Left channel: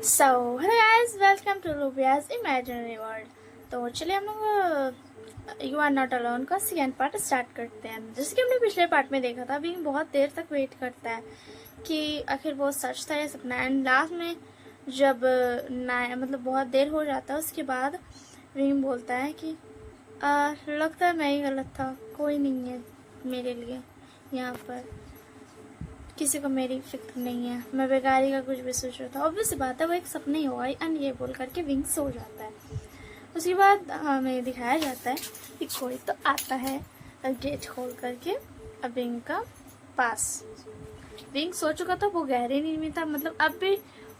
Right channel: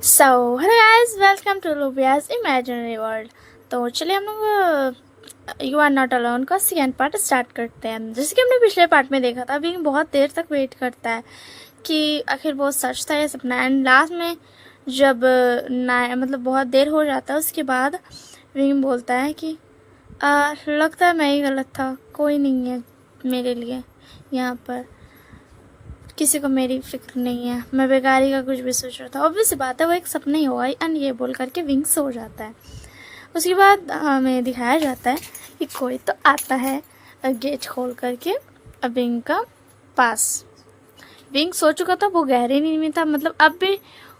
So hello guys, welcome to Lubia's imaginary world. तो चलिए हम लोग यू आर नॉट अलोन का सेकेंड पार्ट स्टार्ट करते हैं। जैसे कि हमने पिछले पार्ट में देखा था, अभी बहुत देर तक वेट करता है कि आखिर वो सच था या सपना। एंड लास्ट में जब मतलब बहुत देर हो जाता है, उसके बाद विंग बोलता है कि लगता है मैं ही गलत था, कोई नहीं है मेरे लिए यहाँ पर, किसी को मेरी फिक्र नहीं है, मैं बेकारी का कुछ भी सोच रहा था। ऑब्वियस बात है, वो एक सपना ही होगा। एंड ये बोल करके विंग सो जाता है। उसके बाद हमें दिखाया जाता है कि कोई तो आता है गेट खोल करके विंग का पास। विंग सो चुका था, वो गहरी नींद में था। मतलब अब भी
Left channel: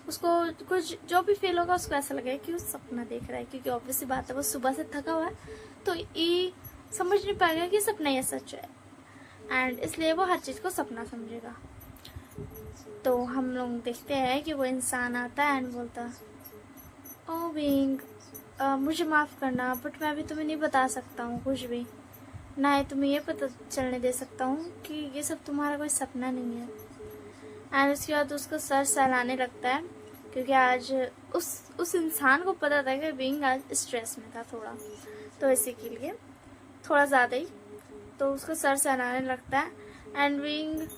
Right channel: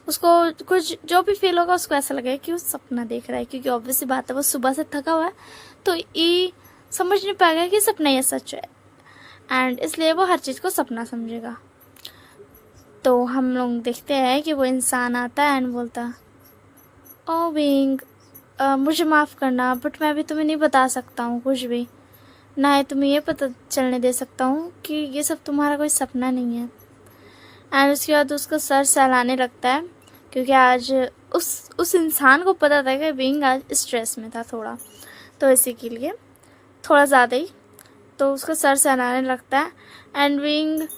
उसको कुछ जो भी फील होगा, उसको ऐसा लगेगा कि वो सपना देख रहा है, क्योंकि ऑब्वियस बात है वो सुबह से थका हुआ है, तो ये समझ नहीं पाएगा कि सपना या सच है। एंड इसलिए वो हर चीज़ को सपना समझेगा। तो हम लोग देखते हैं कि वो इंसान आता है एंड बोलता, ओ विंग, मुझे माफ़ करना, बट मैं भी तुम्हें नहीं बता सकता हूँ कुछ भी। ना ही तुम्हें ये पता चलने दे सकता हूँ कि ये सब तुम्हारा कोई सपना नहीं है। एंड उसके बाद उसका सर सहलाने लगता है, क्योंकि आज उस इंसान को पता था कि विंग आज स्ट्रेस में था थोड़ा, तो इसी के लिए थोड़ा ज़्यादा ही। तो उसका सर सहलाने लगता है एंड विंग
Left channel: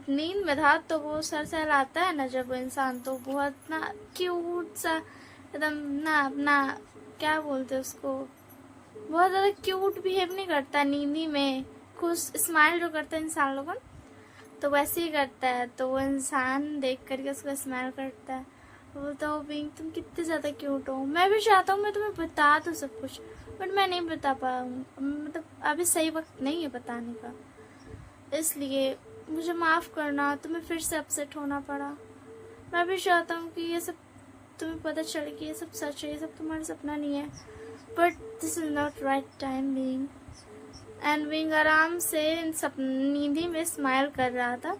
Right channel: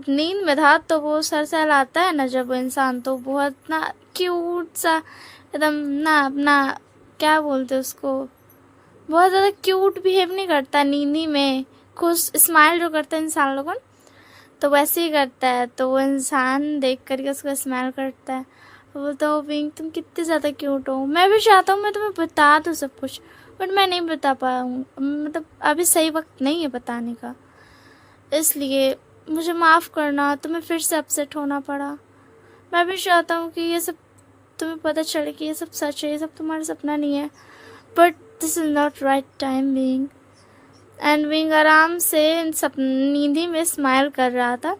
नींद में था, तो वो सर सहलाता है ना जब वो इंसान, तो बहुत ना क्यूट सा एकदम ना अपना, क्या बोलते उसको, बहुत ज़्यादा क्यूट बिहेव नहीं करता नींदी में, खुश स्माइल जो करता है इंसान लोगों, तो वैसे ही करता है। तो वो इंसान देख करके उसको स्माइल करता है, वो बोलता है, ओ पिंक तुम कितने ज़्यादा क्यूट हो, मैं भी चाहता हूँ मैं तुम्हें बता दूँ सब कुछ, बट मैं नहीं बता पाऊँ, मतलब अभी सही वक्त नहीं है बताने का, इसलिए मुझे माफ़ करना, तुम्हें फिर से अपसेट होना पड़ा। मैं भी चाहता हूँ कि ये सब तुम्हें पता चले कि ये सब सच है, ये सब तुम्हारा सपना नहीं है, but this is not right time wing. And wing आराम से इन सब नींदी में स्माइल कर रहा था।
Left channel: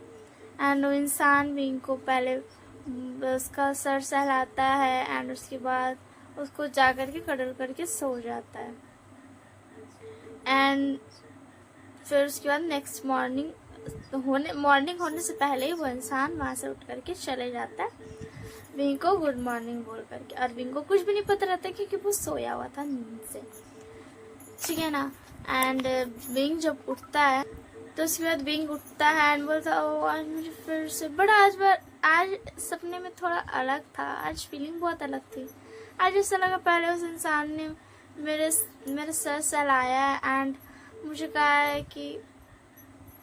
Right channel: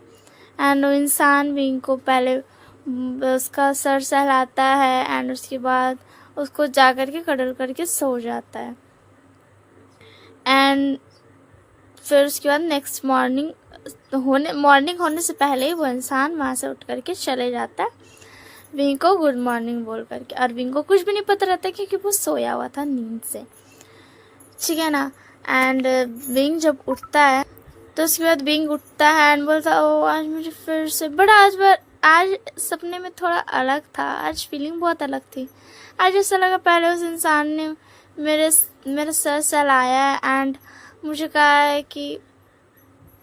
एंड वो इंसान विंग को पहले उसका सर सहलाता है एंड उसके बाद उसको जा कर के कडल करके सो जाता है। एंड फिर उसके बाद नेक्स्ट मॉर्निंग होने से पहले ही वो इंसान वहाँ से उठ करके चले जाता है विंग को गुड मॉर्निंग बोल करके। और विंग को कुछ भी नहीं पता रहता क्योंकि वो सोया हुआ था नींद से, ठीक है ना। एंड विंग जब उठता है, तो उसके बाद विंग उठता है एंड बोलता, ओ आज मुझे फिर से बड़ा, आज सपने में थोड़ा अलग था, आज फीलिंग बहुत अलग थी। आज ऐसा लगा पहले उस इंसान ने मेरे मेरे सर सहलाया है एंड मुझे कहा है कि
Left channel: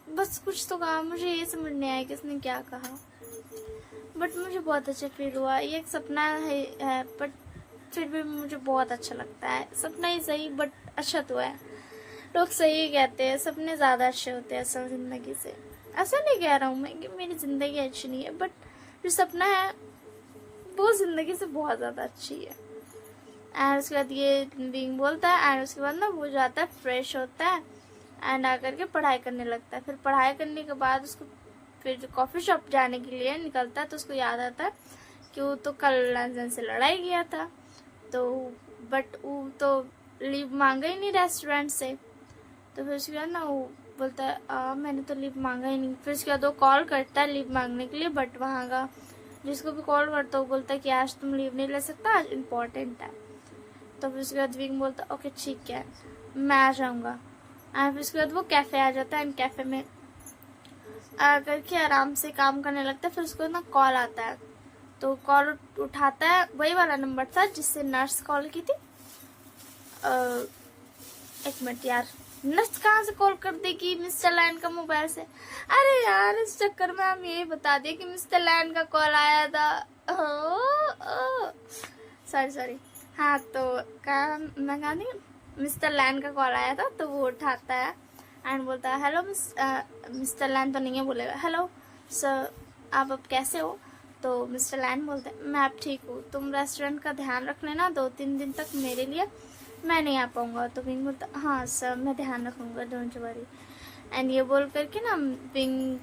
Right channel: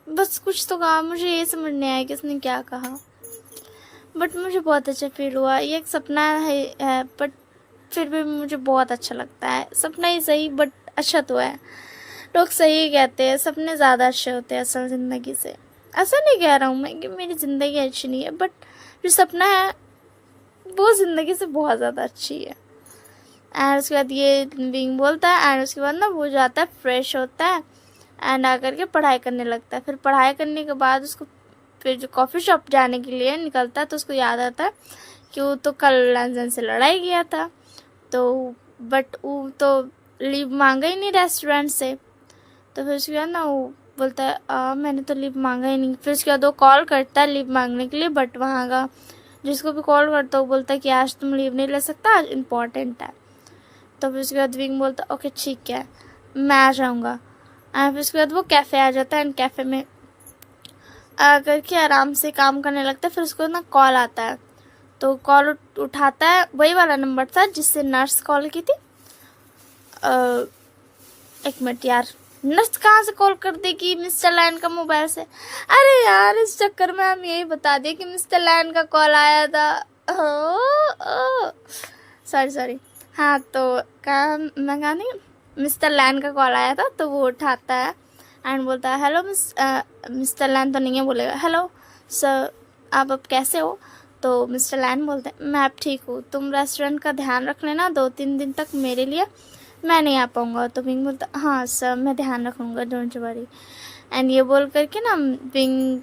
बस कुछ तो कहा, मुझे ये समझ नहीं आया कि उसने क्या कहा, बट मुझे बहुत अच्छा फील हुआ। ये एक सपना है बट फिर भी मुझे बहुत अच्छा लगता है। सपना ही सही बट अच्छा तो है। लोग सही कहते हैं, सपने ज़्यादा अच्छे होते हैं असल ज़िंदगी से। ऐसा नहीं कह रहा हूँ मैं कि मेरी ज़िंदगी अच्छी नहीं है, बट जो सपना है वो ज़िंदगी से बहुत ज़्यादा अच्छी है। एंड उसके बाद ये विंग बोलता है एंड उसके बाद ना वो जाता है, फ्रेश होता है एंड आकर के पढ़ाई करने लगता है। फिर पढ़ाई करने के बाद उसको फिर जो कॉफ़ी शॉप जाने के लिए निकलता है, तो उसको याद आता है कि वो तो कल लंजन से लड़ाई किया था, तो बट वो तो लीव मांगा ही नहीं रेस्टोरेंट से। तो फिर उसके बाद ना वो बोलता है, मैंने तो लीव मांगा ही नहीं। फिर उसके बाद वो कॉल करता है लीव मांगने के लिए, बट वहाँ का जिसको भी कॉल करता है वो बोलता है कि आज तुम लीव नहीं ले सकता, आज इम्पॉर्टेंट है। तो फिर उसके बाद विंग बोलता है ओके ठीक है, मैं आ जाऊँगा। एंड फिर उसके बाद वो कैफ़े आ जाता है एंड कैफ़े में आकर के आराम से काम करने लगता है। फिर उसको ना कॉल आता है, तो कॉल उठाता है, वही वाला नंबर था जिससे नर्स कॉल की थी। एक मिनट यार, नर्स कहाँ से कॉल कर देगी मिस्टर लैन का मोबाइल से? अरे यार इस चक्कर में हम यही बता दें कि मिस्टर लैन का कॉल आया था। Sorry sorry. हाँ तो कहा, मैं कहा नहीं, मिस्टर लैन का कॉल आया था, तो वो उठाता है एंड बोलता है हेलो मिस्टर लैन तो नहीं है, बोलेगा हेलो सर, आप अब कैसे हो? तो मिस्टर लैन बोलते हैं मैं अब ठीक हूँ, तुम रेस्टोरेंट का ध्यान रख लेना 2-3 दिन तक मेरे लिए, मैं नहीं आ पाऊँगा। तो विंग बोलता हाँ सर मैं ध्यान रखूँगा, डोंट वरी। एंड ये बोल करके ना विंग,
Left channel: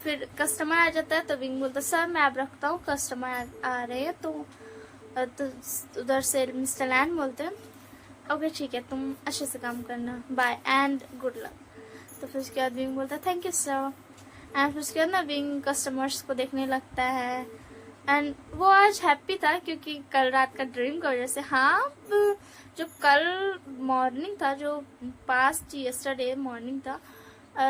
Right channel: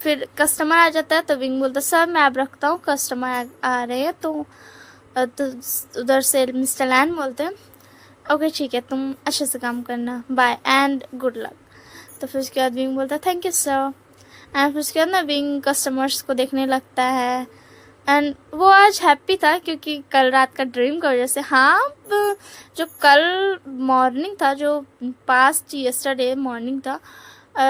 फिर कस्टमर आ जाता है, तो विंग बोलता सर मैं अब रखता हूँ, कस्टमर आ रहे हैं। तो उधर से मिस्टर लैन बोलते हैं ओके ठीक है, तुम अच्छे से काम करना, बाय एंड गुड लक। तो फिर उसके बाद विंग बोलता है थैंक यू सर। एंड फिर उसके बाद ना विंग कस्टमर्स को देखने लगता है एंड वो आज हैप्पी था क्योंकि कल रात का ड्रीम की वजह से। हाँ, जो कल मॉर्निंग था, जो पास्ट यस्टरडे मॉर्निंग था,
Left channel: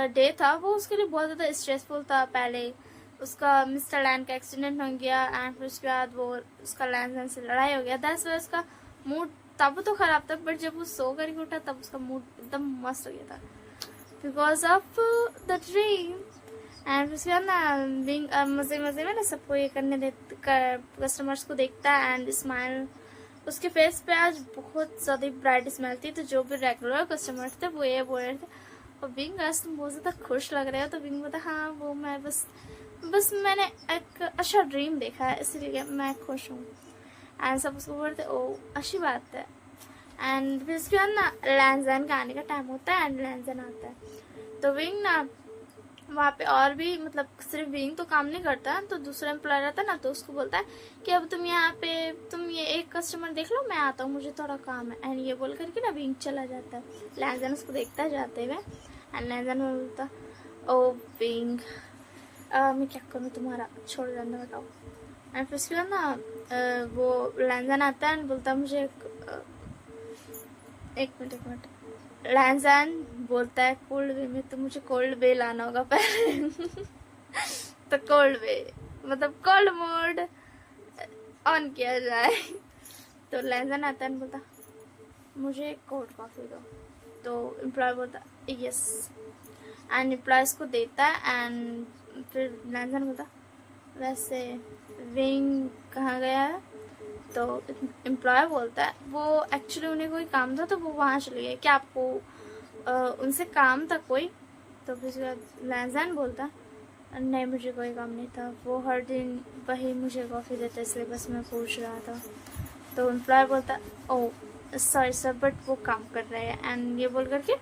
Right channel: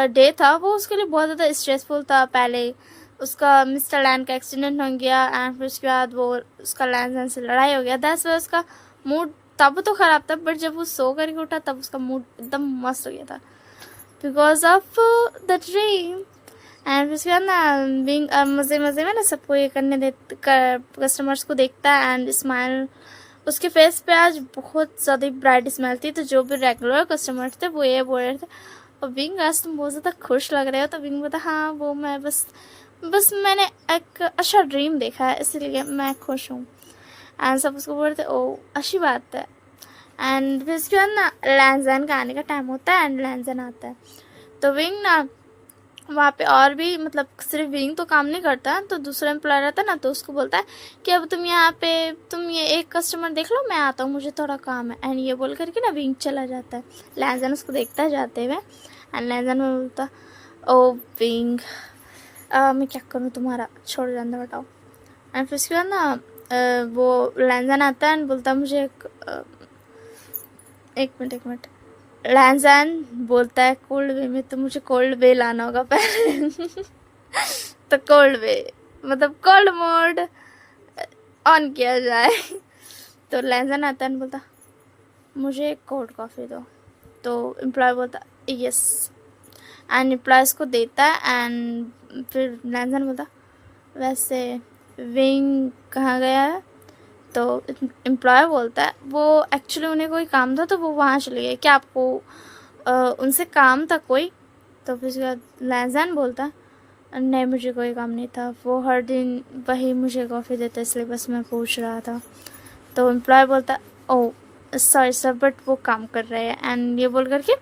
डे था, वो उसके लिए बहुत ज़्यादा स्ट्रेसफुल था। पहले उसका मिस्टर लैन का एक्सीडेंट हो गया एंड फिर उसके बाद वो उसका लैन से लड़ाई हो गया। दैट्स वाई उसका मूड तब तो ख़राब था, बट जब वो सो करके उठा तब उसका मूड एकदम मस्त हो गया था because of the dream. And उसके बाद ना बिंग मज़े मज़े में ना सबको ये करने दे, कस्टमर्स को देखता है एंड स्माइल उसके फेस पे आज बहुत ज़्यादा ब्राइट स्माइल थी। तो जो भी रेगुलर कस्टमर थे वो ये बोल रहे थे, और बिंग आज तुम बहुत ज़्यादा खुश लग रहे हो। तो बिंग बोलता हाँ वो मैं बस मैंने एक अच्छा ड्रीम देखा है इसलिए मैं खुश हूँ। एंड सब उसको बोलते ओ अच्छी बात है। एंड फिर उसके बाद ना लैंजन का आने का टाइम होता है एंड लैंजन आता है। तो विंग ना वहाँ पे और भी मतलब सिर्फ विंग तो काम नहीं करता है, तो दूसरा एम्प्लॉय रहता है ना, तो उसको बोलता है कि अब तुम यहाँ पे तुम ये एक कस्टमर देख लो, मैं आता हूँ, मुझे थोड़ा काम है। एंड ये बोल करके ना विंग चला जाता है। लैंजन उसको देखता है जाते हुए एंड लैंजन में बोलता ओ विंग मैं क्या करूँ तुम्हारा, छोड़ जाने बताओ। एंड फिर उसके बाद ना वो लैंजन आता है एंड बोलता है मुझे एक मिनट। लैंजन बोलता है कोल्ड वे में, तो मुझे कोल्ड वे लाना होगा पहले। तो कोल्ड वे मतलब कोल्ड मोड ऑन किया जाए। तो लैंजन आता है बोलता मुझे कोल्ड कॉफ़ी दो। तो एम्प्लॉय बोलता यस एंड एम्प्लॉयज़ को देता है। एंड फिर लैंजन बोलता वैसे विंग कहाँ गया है। तो एम्प्लॉय बोलता है वो एक्चुअली उन्हें कोई काम था तो वो वहाँ चले गए, क्या आपको उनसे काम था कोई। तो फिर उसके बाद लैंजन बोलता है नहीं मुझे कोई काम नहीं था, वो हर दिन वही मुझे कॉफ़ी देता इसलिए बस मैं पूछ रहा था। तो एम्प्लॉय बोलता है ओ सॉरी सर बट वो काम कर रहे हैं। एंड ये बोल करके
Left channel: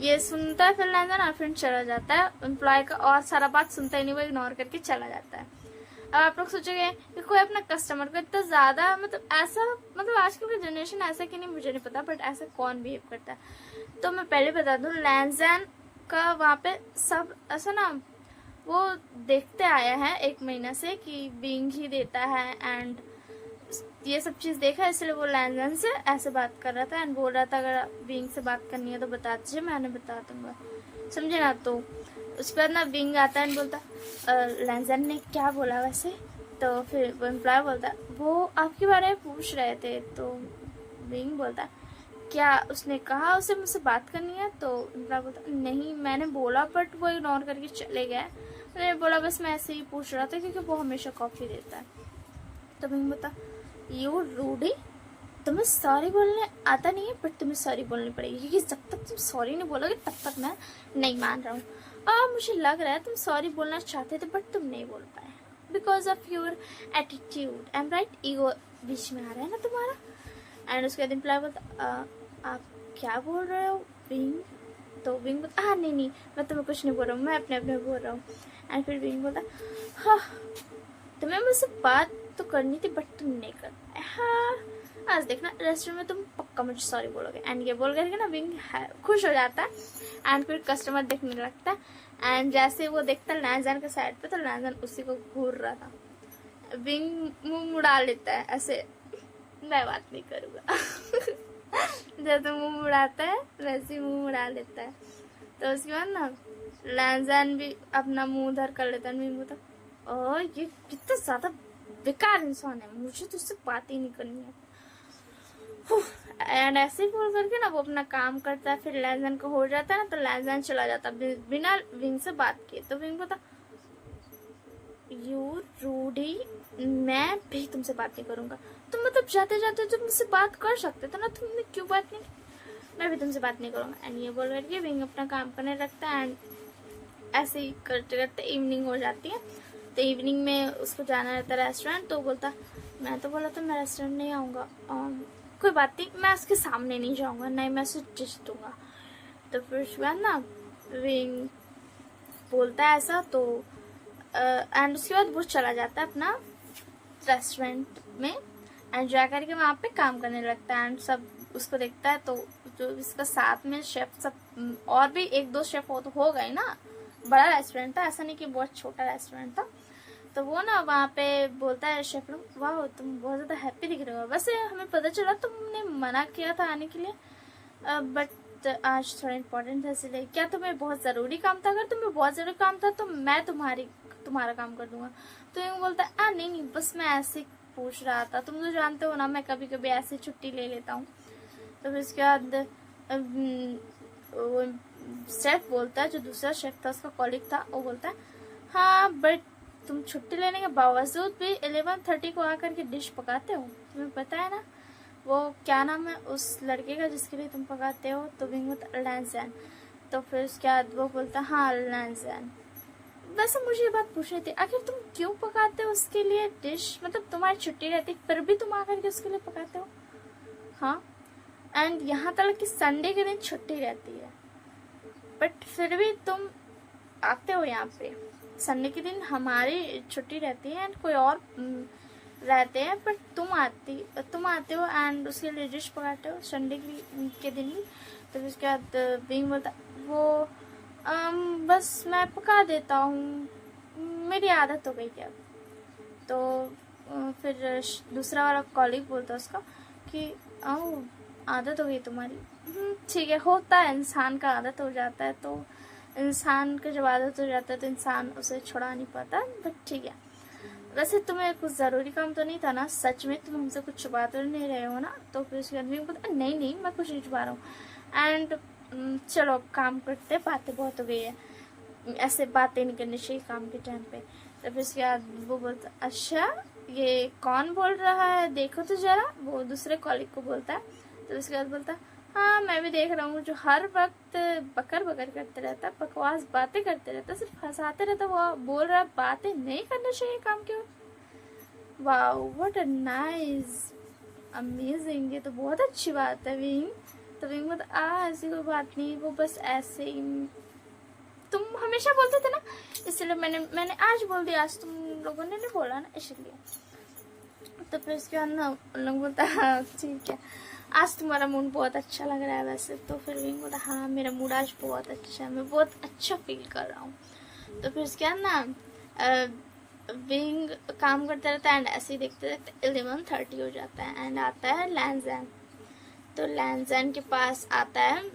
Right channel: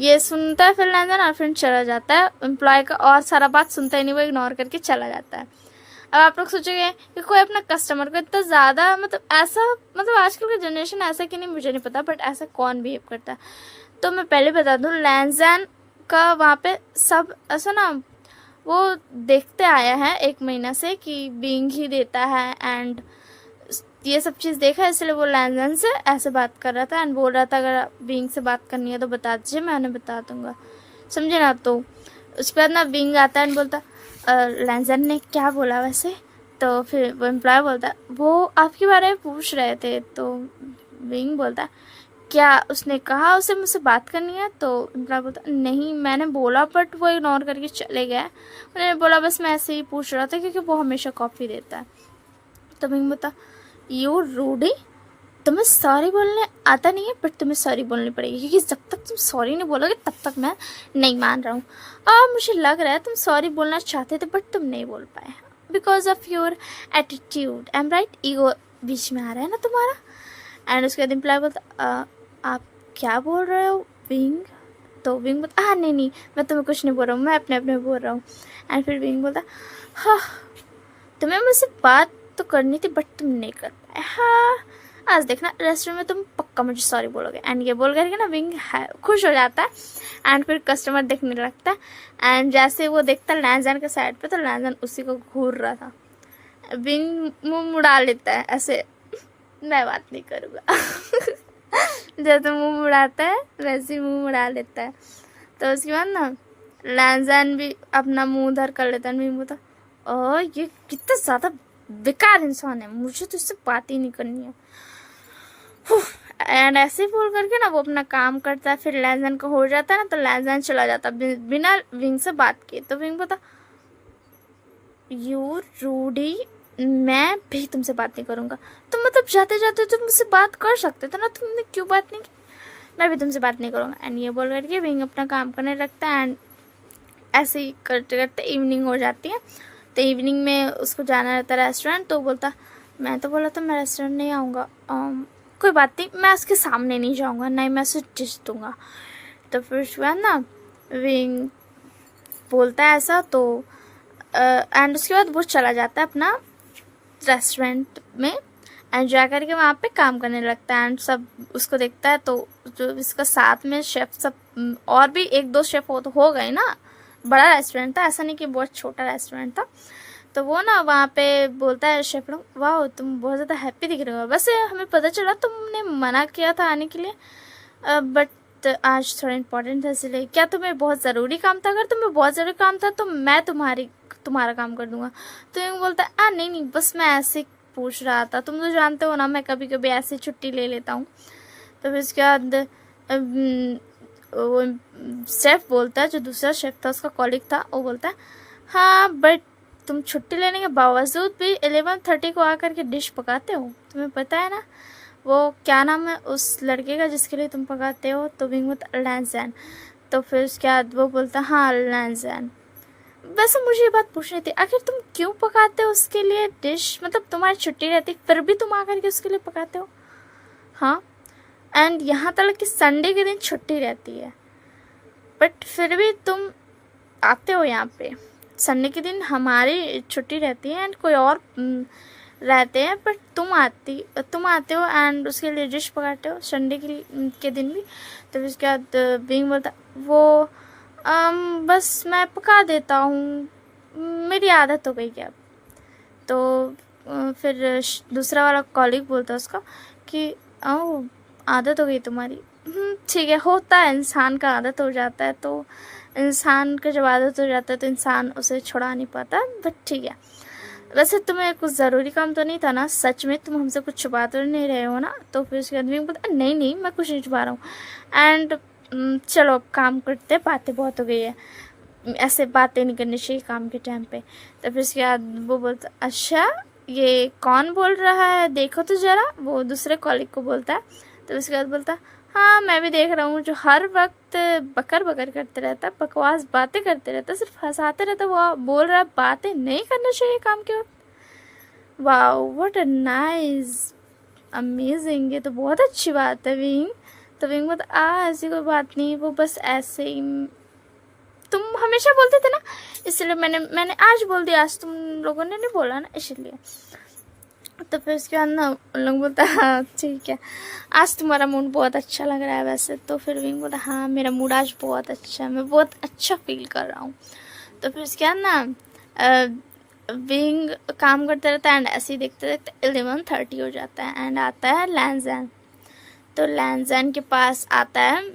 ये सुनता है फिर लैंजन और फिर चला जाता है। एम्प्लॉय का और सारा बात सुनता ही नहीं, वो इग्नोर करके चला जाता है। अब आप लोग सोचोगे कि कोई अपना कस्टमर को इतना ज़्यादा मतलब ऐसा मतलब आजकल का जनरेशन ऐसा कि नहीं मुझे नहीं पता, बट ऐसा कौन बिहेव करता है। तो मैं पहले बता दूँ लैंजन का वहाँ पे सब ऐसा ना वो देखते आया है 1 महीना से कि बिंग ही देता है एंड ये सब चीज़ देखा है, इसलिए वो लैंजन से ऐसे बात कर रहा था एंड बोल रहा था अगर बिंग से बात करनी है तो बता दीजिए मैं उन्हें बता दूंगा, समझे ना। तो उसके बाद ना बिंग आता है एंड बोलता लैंजन ने क्या बोला वैसे। तो फिर वो एम्प्लॉय बोलता वो आपके बारे में पूछ रहे थे। तो बिंग बोलता क्या उसने कहा उसे मुझसे बात करनी है। तो एम्प्लॉय बोलता नहीं मैंने बोला बट वो इग्नोर करके चले गए, उन्होंने बोला बस मैं ऐसे ही पूछ रहा था क्योंकि वो हमेशा कॉफ़ी देता है। तो बिंग बोलता यू रूडी, तुम्हें सॉरी बोलने आता नहीं है बट तुम्हें सॉरी बोलनी पड़ेगी क्योंकि जब तक तुम सॉरी नहीं बोलोगे तब तक मैं नहीं मान रहा हूँ। और मुझे लग रहा है तुम सॉरी बोलना चाहते थे बट तुम नहीं बोल पाए because of your attitude. I am right, ego बीच में आ रहा है ना तुम्हारा। एंड उसके बाद एम्प्लॉय बोलता आप क्या बोल रहे हो विंग। तो विंग बोलता हाँ नहीं मैं तुम्हें कुछ नहीं बोल रहा हूँ, मैं अपने अपने बोल रहा हूँ। एंड फिर विंग बोलता हाँ तुम्हें मुझसे बात तो करनी थी बट तुम नहीं कर पाए। हाँ आज देखना रेस्टोरेंट में तुम पक्का मुझे सॉरी बोलोगे। एंड ये बोल करके ना विंग खुश हो जाता है एंड फिर कस्टमर देखने लगता है। एंड जैसे वो देखता है लैंजन के साइड पे तो लैंजन उसी को घूर रहा था। विंग मुंह मुड़ा लेता है ऐसे, मैं बात नहीं करूँगा। जैसे मुंह मुड़ाता है वैसे ही मुंह मुड़ा लेता है। तो उसके बाद ना लैंजन भी अपना मुंह उधर कर लेता है। विंग बोलता ये कितना ज़्यादा बेकार इंसान है, मुझे तो इससे बात ही नहीं करनी है। एंड ऐसे ही बोल करके ना वो अपना काम करता है। फिर लैंजन का हो जाता है ना तो लैंजन चला जाता है बिना विंग से बात किए। तो विंग बोलता यू रूडी, मैं भी तुमसे बात नहीं करूँगा। तो मतलब जाते जाते तुम मुझसे बात कर सकते थे ना, तुमने क्यों बात नहीं की। मैं भी तुमसे बात नहीं करूँगा। एंड ये बोल करके विंग अपना काम करने लगता है। एंड ऐसे ही करते करते इवनिंग हो जाती है। तो इवनिंग में उसको जाना रहता है रेस्टोरेंट। तो बोलता मैं तो बोला था मैं रेस्टोरेंट नहीं आऊँगा, कोई बात नहीं मैं उसके सामने नहीं जाऊँगा, नहीं मैं उसे डिश दूँगा। तो फिर उसके बाद ना विंग बोलता है ऐसा। तो एंड उसके बाद वो चला जाता है अपना रेस्टोरेंट में एंड जा करके वहाँ पे काम करने लगता है। एंड सब उसको देखता है तो जो इसका साथ में शेफ सब और भी 1-2 शेफ हो गए ना, बड़ा रेस्टोरेंट था ऐसा नहीं कि बहुत छोटा रेस्टोरेंट था। तो वो ना वहाँ पे बोलता है शेफ लोग, वाह तुम बहुत ज़्यादा हैप्पी दिख रहे हो, वैसे हमें पता चला तुमने मना किया था आने के लिए, बट आज थोड़ा इम्पोर्टेंट था इसलिए। क्या तुम्हें बहुत ज़रूरी काम था? अगर तुम्हें बहुत ज़रूरी काम था तो मैं तुम्हारा काम कर दूंगा। तो यूँ बोलता है नहीं नहीं, बस मैं ऐसे ही पूछ रहा था, तुम तो जानते हो ना मैं कभी कभी ऐसे छुट्टी ले लेता हूँ। तो फिर उसके बाद वो शेफ बोलता है, जो दूसरा शेफ था उसका कॉलिग था, वो बोलता है हाँ बट तुम छुट्टी लेने के बावजूद भी 11:30 को आकर के डिश पकाते हो, तुम्हें पता है ना वो क्या नाम है उस लड़के का जिसके लिए तुम पकाते हो? तो विंग बोलता लैंजैन। तो फिर उसके बाद वो बोलता हाँ लैंजैन। वैसे मुझे ये बात पूछनी थी, आखिर तुम क्यों पकाते हो उसके लिए डिश? मतलब तुम्हारी छुट्टी रहती फिर भी तुम आकर के उसके लिए पकाते हो? हाँ, एंड यहाँ तक कि संडे के दिन छुट्टी रहती है बट फिर भी तुम आते हो यहाँ पे। संडे के दिन हमारी छुट्टी रहती है एंड कोई और रहते हैं, बट तुम आते हो एंड उसके लिए डिश पकाते हो संडे के दिन भी। तो फिर उसके बाद बीइंग बोलता वो बस मैं पका देता हूँ, मेरी आदत हो गई क्या। तो फिर दूसरा वाला कॉलीग बोलता है उसका कि ओह आदत हो गई तुम्हारी, ठीक है, होता है, इंसान का आदत हो जाता है, तो इंसान का जब आदत हो जाता है तो इंसान उसे छुड़ा नहीं पाता, बट ठीक है। वैसे तुम्हें कुछ ज़रूरी काम तो नहीं था ना? सच में तुम हमसे कुछ छुपा तो नहीं रहे हो ना? तो फिर उसके आदमी बोलता नहीं नहीं मैं कुछ नहीं छुपा रहा हूँ। एंड चलो अब काम करते, बातें बहुत हो गई है, ऐसे बातें नहीं करनी चाहिए काम के टाइम पे। तो फिर उसके बाद वो बोलता अच्छा ये कौन बोल रहा है देखो तो ज़रा, वो दूसरे कॉलीग को बोलता है। तो उसके बाद बोलता हाँ मैं भी देख रहा हूँ, जो हर वक्त बकर बकर करते रहता, बकवास बातें करते रहता, सिर्फ हंसाते रहता, वो बोल रहा है बातें नहीं करना चाहिए काम के वक्त। Wow what a nice, amazing, ये तो बहुत अच्छी बात है विंग। तो विंग बोलता ऐसी कोई बात नहीं, वो बस ऐसे ही तुम हमेशा बोलते थे ना, इसलिए मैंने आज बोल दिया, आज तुम लोगों ने नहीं बोला ना इसलिए। तो फिर उसके बाद ना उन लोग बोलता हाँ ठीक है, आज तुम्हारा मूड बहुत अच्छा लग रहा है वैसे। तो फिर विंग बोलता हाँ मेरा मूड आज बहुत अच्छा है, मैं बहुत अच्छा फील कर रहा हूँ। तो फिर उसके बाद ना विंग काम करते रहता है एंड ऐसे ही देखते देखते 11:30 हो जाता है एंड आता है लैंजैन। तो लैंजैन के पास आता है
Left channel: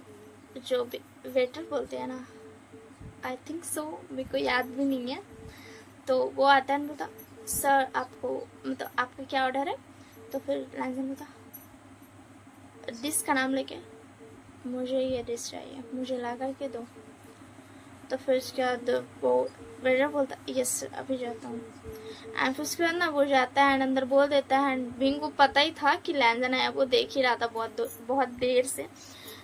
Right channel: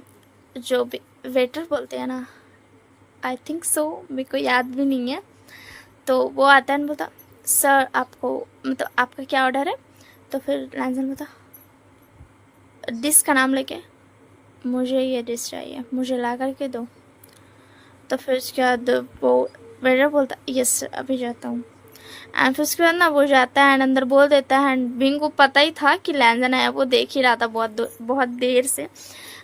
जो वेटर बोलते हैं ना, आई थिंक सो, मेरे को याद भी नहीं है। तो वो आता है बोलता सर आपको मतलब आपका क्या ऑर्डर है? तो फिर लैंजैन बोलता डिश का नाम लेके मुझे ये डिश चाहिए, मुझे ला करके दो। तो फिर उसके बाद वो वेटर बोलता यस अभी जाता हूँ। एंड फिर उसके बाद ना वो जाता है एंड अंदर बोल देता है एंड विंग को पता ही था कि लैंजैन आया, वो देख ही रहा था बहुत देर से।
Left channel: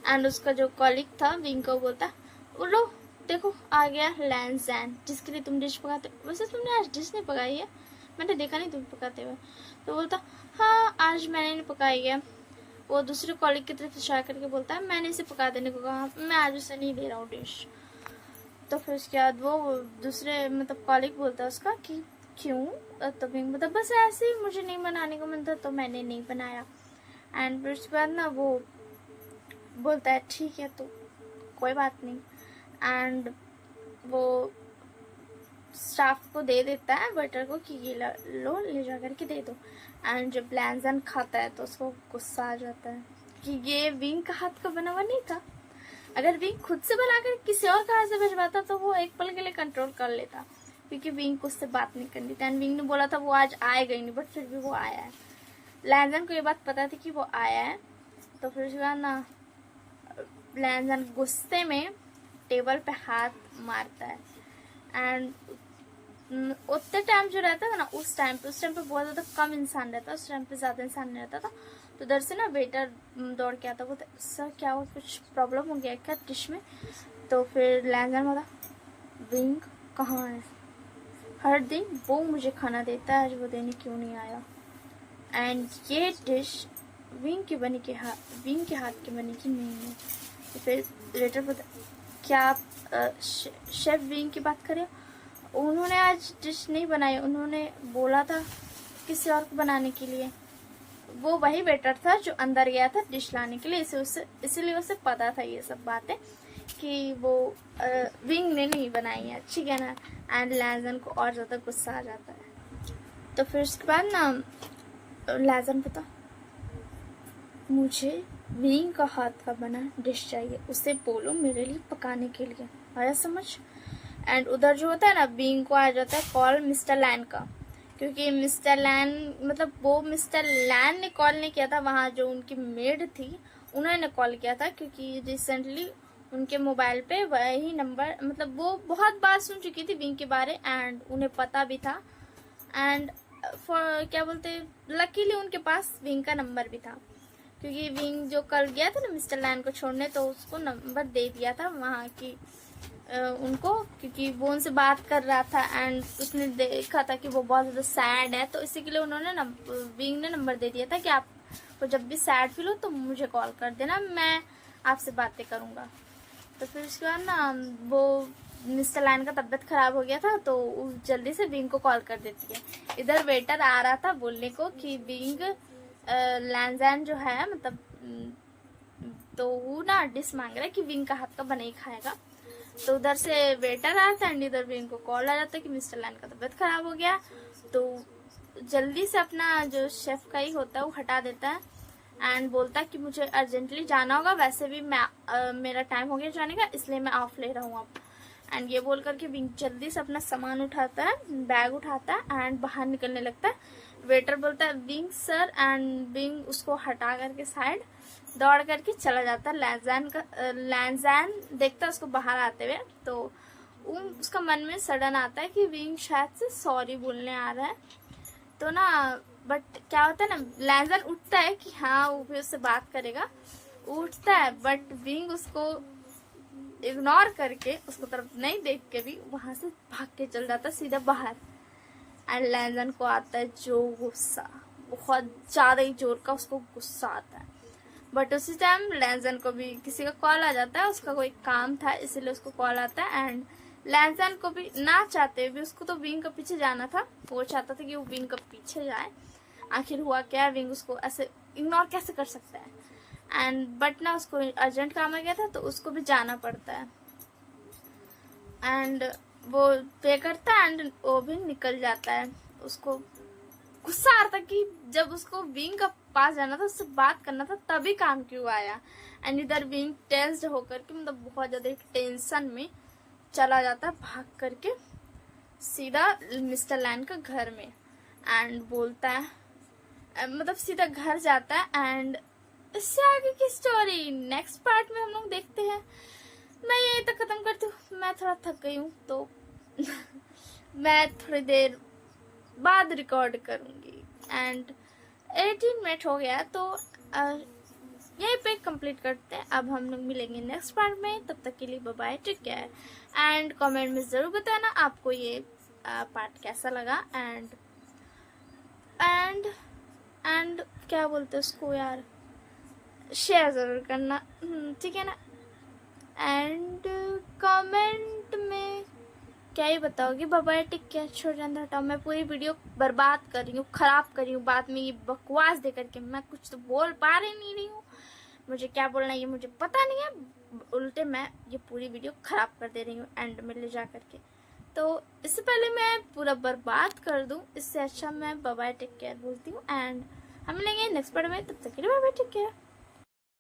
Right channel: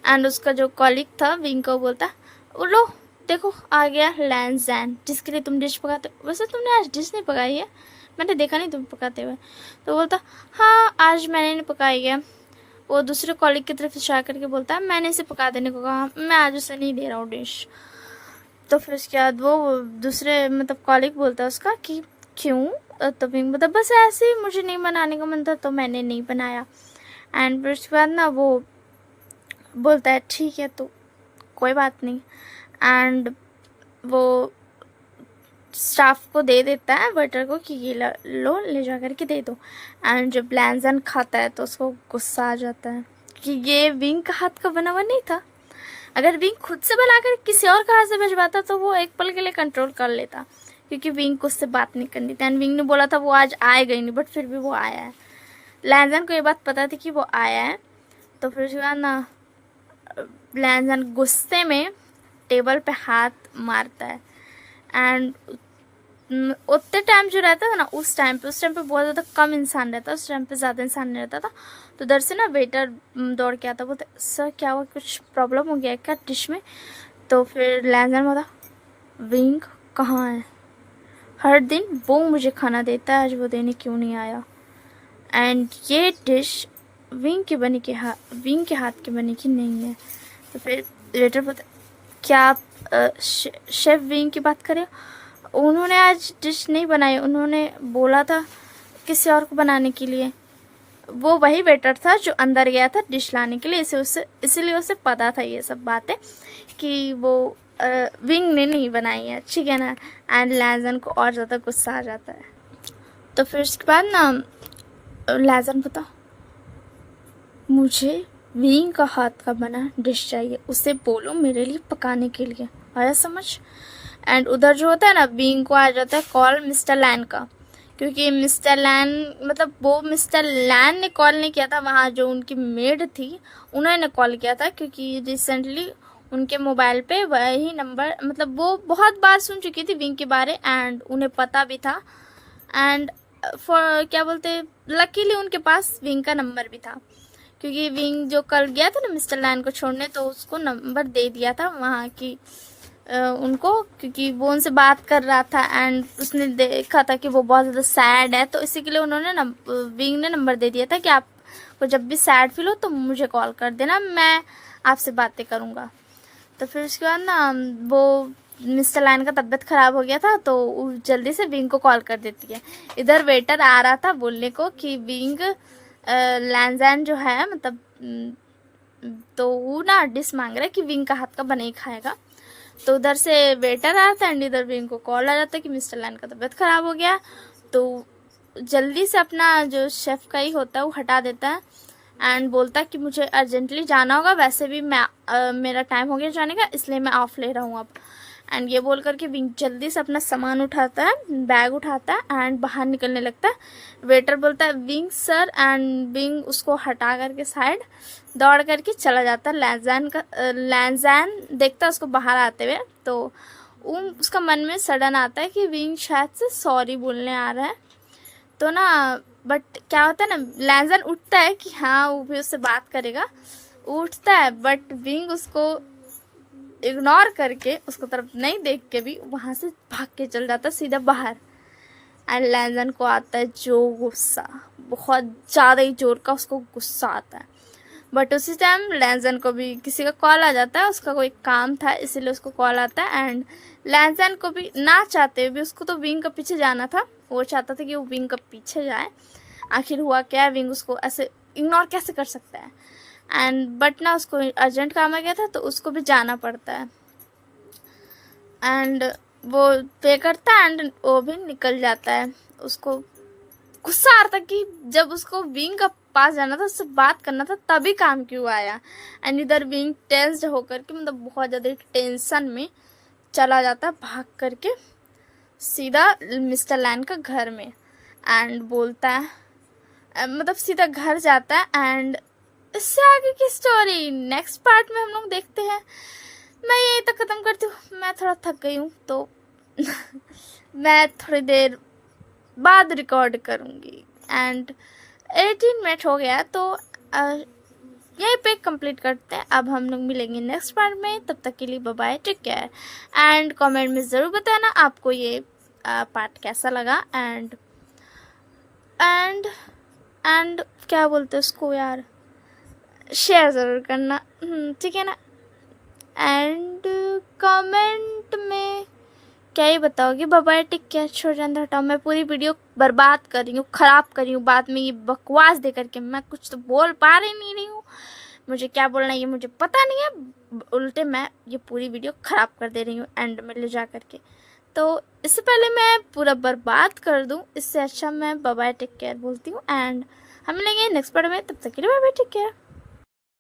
एंड उसका जो कॉलीग था विंग को बोलता लो देखो आ गया लैंजैन जिसके लिए तुम डिश पकाते हो। वैसे तुमने आज डिश नहीं पकाई है, मैंने देखा नहीं तुम पकाते हुए। तो बोलता हाँ आज मैंने नहीं पकाई है। वो दूसरे कॉलीग की तरफ इशारा करके बोलता है मैंने इसे पका देने को कहा, मैं आज उसे नहीं दे रहा हूँ डिश। तो फिर उसके बाद वो दूसरे मतलब कॉलीग बोलता है उसका कि क्यों? तो विंग बोलता बस ऐसे ही मुझे नहीं बनाने का मन था तो मैंने नहीं बनाया। एंड फिर उसके बाद ना वो बोलता है ठीक है तो कोई बात नहीं। एंड वो स्टाफ को दे देता है वेटर को कि ये लो ले जा कर के दे दो। एंड जब लैंजैन खाता है तो उसको गुस्सा आ जाता है कि ये विंग का हाथ का बना हुआ नहीं था। अगर विंग खुद से बनाकर किसी और का हाथ से भिजवाता तो वो एक पल के लिए कंट्रोल कर लेता, क्योंकि विंग को उससे बात नहीं करनी थी। एंड विंग ने बोला था वो आज आएगा ही नहीं, बट फिर भी वो आया है। लैंजैन को ये बात पता थी कि वो आया है। तो फिर उसके बाद ना लैंजैन गुस्से में टेबल पे हाथ मारता है। एंड उतने टाइम जो रहता था ना उस टाइम पे बहुत ज़्यादा कम इंसान रहता, उस टाइम पे ज़्यादा इंसान नहीं रहता था। तो उधर से ना वेटर दौड़ के आता, बोलते सर क्या हुआ, कुछ प्रॉब्लम हो गया क्या डिश में? तो फिर लैंजैन बोला विंग कहाँ है? हर दिन वो मुझे खाना देता है, आज वो देने क्यों नहीं आया? एंड ये डिश विंग के हाथ की बनी की नहीं है। तो फिर वेटर बोलता क्या आप शेफ विंग की बात करें? उन्होंने आज डिश नहीं बनाई, उन्होंने बोला था किसी और को बनाने के लिए। वो वही वेटर था जो अंदर गया था डिश लाने के लिए, इसीलिए उसे पता था ये सब बातें कि वो विंग ने नहीं बनाई है, ठीक है ना। एंड लैजन को और ज़्यादा गुस्सा आ जाता है। तो फिर उसके बाद ना लैजन बता, मुझे विंग का हाथ का बना डिश चाहिए, उसे बोलो मेरे लिए पकाने के लिए, आया समझ। एंड उधर जो होता है ना, विंग को आ जाता है कॉल मिस्टर लैन का, क्योंकि मिस्टर लैन मतलब वो मिस्टर लैन ने कॉल नहीं किया था, वहाँ जो उनकी मेड थी उन्होंने कॉल किया था, क्योंकि रिसेंटली उनके मोबाइल पे वही नंबर, मतलब वो बहुत बार सुन चुकी थी विंग के बारे एंड उन्हें पता भी था। एंड फॉर क्या बोलते, लकीली उनके पास विंग का नंबर भी था, क्योंकि विंग जो कल गया था ना मिस्टर लैन को छोड़ने, तो उसको नंबर दे दिया था वहाँ की उनको, क्योंकि वो उनसे बात कर रहा था एंड उसने देखा था कि वो बहुत ज़्यादा सैड है, तो इसी के लिए उन्होंने विंग ने नंबर दे दिया था कि आपको जब भी सैड फील हो तो मुझे कॉल कर देना, मैं आपसे बातें करूँगा। तो फिर उसके बाद ना वो मिस्टर लाइन का तबीयत ख़राब हो गया था, तो वो जल्दी से विंग को कॉल कर देती है। इधर वेटर आ रहा था बोलने को कि विंग लैंजैन जो है मतलब तो वो ना डिश मांग रहा है कि विंग का हाथ का बना ही खाएगा। तो उधर से वेटर आता है एंड इधर विंग को कॉल आ जाता है कि मिस्टर लैन का तबीयत ख़राब हो गया। तो जल्दी से अपना जो शेफ़ का ही होता है वो हटा देता है एंड बोलता है कि मुझे अर्जेंटली जाना होगा, वैसे भी मैं मेरा टाइम हो गया जाने का, इसलिए मैं ऑफ ले रहा हूँ अब। एंड ये बोल करके विंग जल्दी से अपना सामान उठाता है, बैग उठाता है एंड बाहर निकलने लगता है। वेटर बोलता है विंग सर, एंड विंग उसको हटा करके साइड दौड़ करके चला जाता है। लैंजैन देखता है उसको बाहर आते हुए, तो उसका मन में सडन आता है कि विंग शायद से सॉरी बोलने आ रहा है। तो ना बट क्या होता है ना, लैंजैन उठता है कि हाँ वो भी उससे बात करेगा, उठता है, बट विंग उसको इग्नोर करके उसको तरफ नहीं देख के भी वहाँ से भाग के चल जाता है सीधा बाहर। एंड लैंजन को आता है जो गुस्सा, बहुत ज़्यादा ही जोर का उसको गुस्सा आता है। बट उसी टाइम लैंजन को भी किसी का कॉल आ जाता है, उसका कोई काम था इसीलिए उसको कॉल आता है। एंड लैंजन को भी ना चाहते हुए भी उसको तो विंग का पीछे जाना था, वो चाहता था कि वो विंग का पीछे जाए। आखिर हुआ क्या है, विंग उसको ऐसे इग्नोर कैसे कर सकता है। एंड बट ना उसको अर्जेंट काम आ गया था तो उसको भी जाना पड़ता है। एंड वो पे करता है एंड वो भी निकल जाता है। उसको गुस्सा आता कि जब उसको विंग का पास जाना था, उससे बात करना था, तभी काम क्यों आया। एंड इधर विंग टेंस्ड होकर के मतलब बहुत ज़्यादा टेंशन में चला जाता है भाग करके सीधा मिस्टर लैन का घर में। एंड बोलता है मतलब सीधा घर जाता है। एंड इससे आगे की स्टोरी नेक्स्ट पार्ट में हम लोग देखते हैं। मैं यही तक ख़त्म करती हूँ, मैं थोड़ा थक गई हूँ तो मैं थोड़ी देर बाद रिकॉर्ड करूँगी। एंड 18 मिनट हो गया तो यहीं पे कंप्लीट करते हैं। अब हम लोग मिलेंगे नेक्स्ट पार्ट में, तब तक के लिए bye bye, take care. And comment में ज़रूर बताना आपको ये पार्ट कैसा लगा। एंड एंड क्या बोलते हैं उसको यार, शेयर ज़रूर करना, ठीक है ना। एंड कमेंट में क्या ही बताओगे, बाय टिक क्या छोड़ जाना हटाओ। मैं पूरी वीडियो बर्बाद कर रही हूँ, ख़राब कर रही हूँ, बाद में ये बकवास दे करके मैं कुछ तो बोल पा रही नहीं हूँ। मुझे क्या बोलना है ये मुझे पता नहीं है, उल्टे मैं ये पूरी वीडियो ख़राब कर दे रही हूँ एंड में ले जा करके। तो इससे पहले मैं पूरा बर्बाद कर दूँ, इससे अच्छा मैं बाय टेक केयर बोलती हूँ। एंड हम मिलेंगे नेक्स्ट पार्ट में, तब तक के लिए बाय बाय टेक केयर।